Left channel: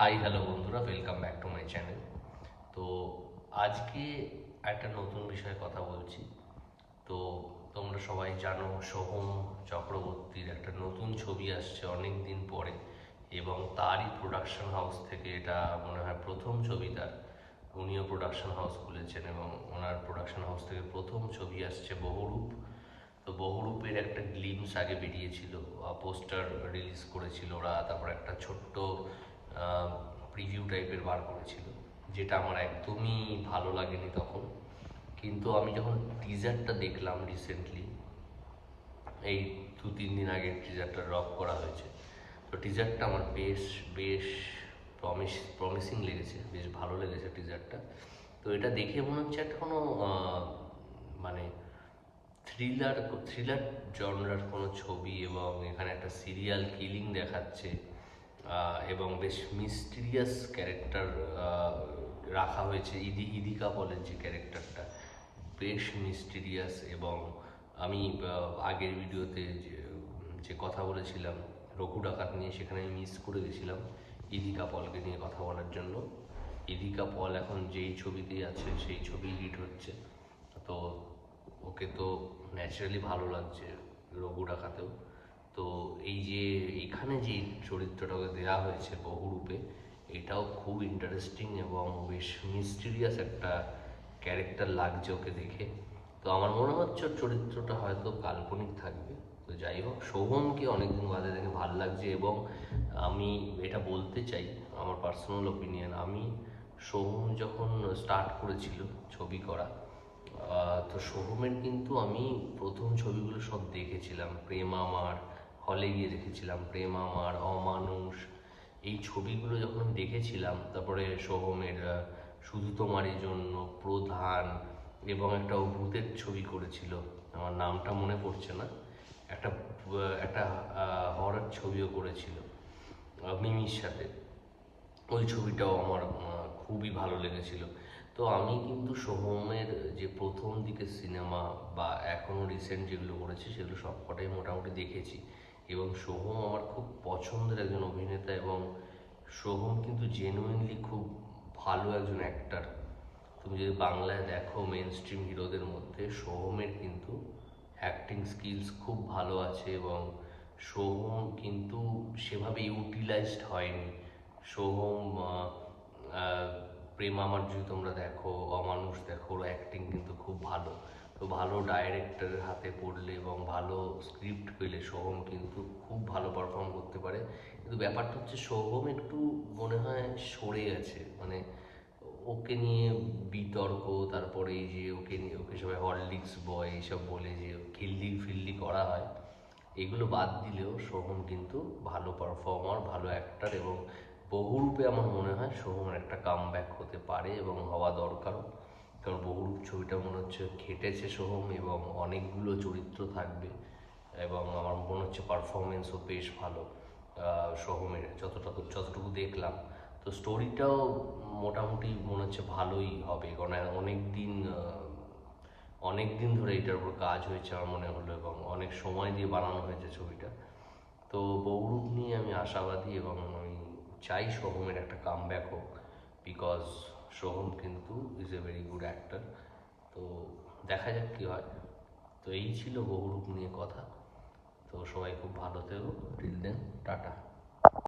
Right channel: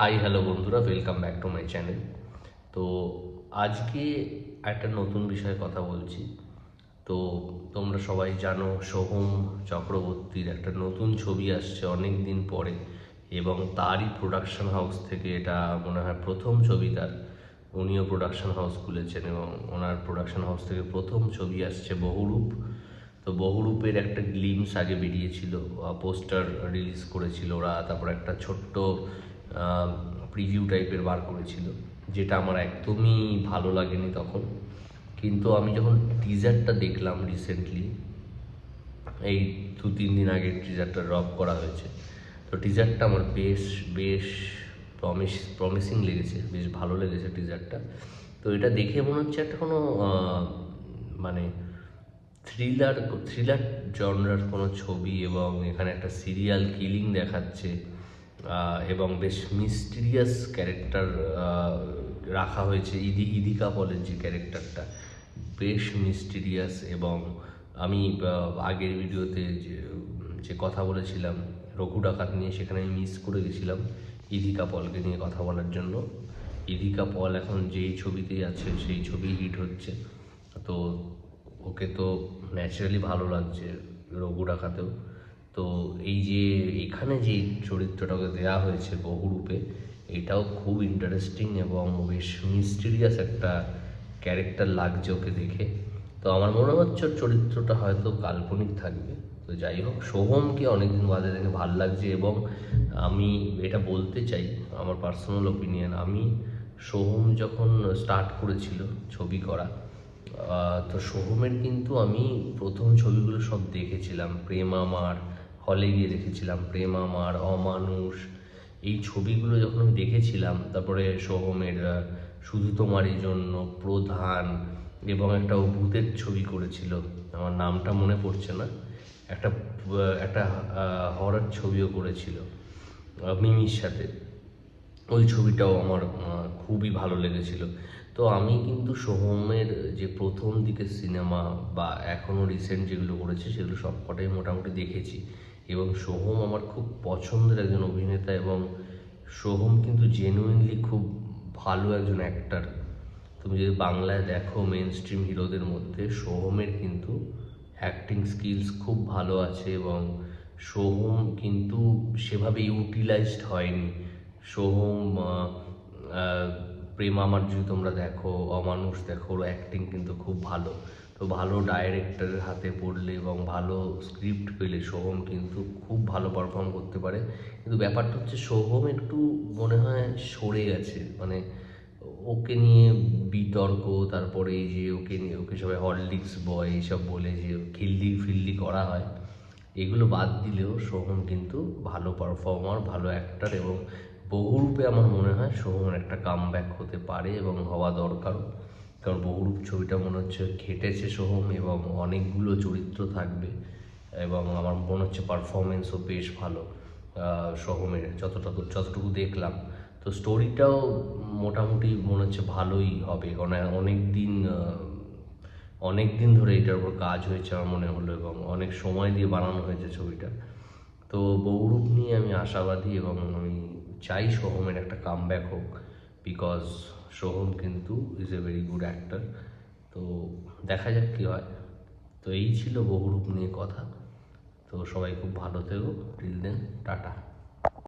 Hi hello বন্ধুরা, welcome back to my channel. তো আজকে একটা নতুন বিষয়ে কথা বলছি। তো তোমরা সবাই জানো সোহম চক্রবর্তীর একটা নতুন ছবি আসছে অনেক দিন পরে, এবং তারই প্রোডাকশন হাউস থেকে এটা মনে হয় প্রথম ছবি তার। উনিও প্রোডাকশন হাউস খুলেছেন এবং ওনার প্রোডাকশন হাউস থেকে প্রথম ছবি আসছে বহুরূপ। তো বহুরূপের একটা গ্লিমস আগে বেরিয়েছিল, পোস্টার রিলিজ করেছিল ওরা, তারপর একটা ছোট্ট প্রিভিউ টাইপের বার করেছিল, যেটা আমার একদমই ভালো লাগেনি তখন। কিন্তু আমি যখন টিজারটা দেখলাম রিসেন্টলি, এই 2-3 দিন আগে টিজারটা ড্রপ করা হয়েছে, তো টিজারটা আমার বেশ বেশ প্রমিসিং লেগেছে, বেশ ভালো লেগেছে টিজারটা। তো এটা দেখে মনে হচ্ছে একটা কোনো মানে থ্রিলার থ্রিলার জনরার কোনো ছবি, এবং এখানে একটা সিরিয়াল কিলিং দেখাচ্ছে, এবং বেশ মিস্টিরিয়াস ক্যারেক্টার রাখা হয়েছে। ইদিকা পলের যে ক্যারেক্টারটা বেশ মিস্টিরিয়াস। এবং আমি আগের ভিডিওতে যে যে কথা বলেছিলাম রঘু ডাকাত নিয়ে, সেখানে আমি মিস করে গেছিলাম ইদিকা পলকে নিয়ে কথা বলার জন্য। ইদিকা পল এখন যেই ছবিতেই আছে সেই ছবি হিট হচ্ছে। তো ওকে তো ন্যাচারালি ভালো লাগছে রঘু ডাকাতেও। তো এই যে এখানে যে চরিত্রটাকে দেওয়া হয়েছে বহুরূপে, এটাও খুব ইন্টারেস্টিং এবং বেশ মিস্টিরিয়াস একটা ক্যারেক্টার লাগছে ওকে দেখে। তো আমার মনে হচ্ছে ওর চরিত্রটা হয়তো কাল্পনিক থাকবে। তো যাই হোক, সোহমকে অনেকদিন বাদে দেখে ভাল লাগছে। এবং আমি এটা বলতে চাই, আমার পার্সোনাল ওপিনিয়ন, আমি সোহম যখন স্টার্ট করেছিল ছবি করা, তো সোহমের কিন্তু আমি প্রথম ছবিগুলো সব দেখেছিলাম। প্রেম আমার, হলে গিয়ে দেখেছিলাম প্রেম আমার, অমানুষ, এই ছবিগুলো যখন আমি দেখেছিলাম, তারপরে সোহমের শুধু তোমারই জন্য, প্রধান, এবং একটা ও ভূতের ছবি করেছিল, আমার নামটা মনে পড়ছে না, একটা একটা হরর ছবিও করেছিল মিমির সাথে। ওই ছবিটাও আমার খুবই ভালো লেগেছিল। তো আমি কিন্তু সোহমের যে প্রথম দিকের সিনেমা বা এখনও রিসেন্ট যেগুলো করেছে সেগুলো সবকটাই মোটামুটি দেখেছি। এবং সোহম আমার খুব পছন্দের একজন অভিনেতা, এবং সোহম কিন্তু জেনুইনলি খুব ভালো একজন অ্যাক্টার। তুমি যদি বাংলায় দেখো মেন স্ট্রিম হিরোদের মধ্যে সোহমের কিন্তু অ্যাক্টিং স্কিলস খুব ভালো আছে, এবং সোহম কিন্তু সেভাবে ইউটিলাইজড হয়নি। সোহম প্রেম আমার যদি তোমরা দেখো, অমানুষ দেখো, ওর অ্যাক্টিং কিন্তু খুব ভালো। তো ভালো ডাইরেক্টরের হাতে পড়লে এবং ভালো স্ক্রিপ্ট পেলে সোহম কিন্তু খুব ভালো পারফর্ম করতে পারে। কিন্তু ব্যাপারটা হচ্ছে সোহম একটু মনে হয় সরে গেছে, মানে ওকে নিয়ে বিতর্ক, তারপরে এই যে ওকে নিয়ে ওকে সবাই হরলিক্স বয় এইসব বলে যে খিল্লি ফিল্লি করা হয়, এগুলো বাদ দিলেও সোহম কিন্তু ভালো পারফর্মার, ভালো অ্যাক্টার। এবং বহুরূপে আমার মনে হয় সোহমের একটা কামব্যাক হতে পারে এবং হওয়া দরকারও। কারণ বহুরূপ ছবিটা মনে হচ্ছে খেটেছে সোহম, এবং অনেকগুলো চরিত্র থাকবে, এবং আমার মনে হচ্ছে পারফরমেন্সও বেশ ভালো সোহমের, যতটুকু দেখলাম। তো স্টোরিটাও মোটামুটি মনে হচ্ছে ভালোই হবে, কারণ অনেক দিন ধরে এটার উপর কাজ হয়েছে আমার মনে হলো, এবং অনেক সময় দিয়ে বানানো হয়েছে ছবিটা। তো বহুরূপ নিয়ে আমি আশাবাদী, এবং আমি চাই সোহমের একটা কামব্যাক হোক, বিকজ সোহম কিন্তু is a very good actor. তো দেখা যাক কী হয়। তো এই ছিল বহুরূপ নিয়ে কথা। তো সবাই খুব ভালো থেকো, টিল দেন, টাটা।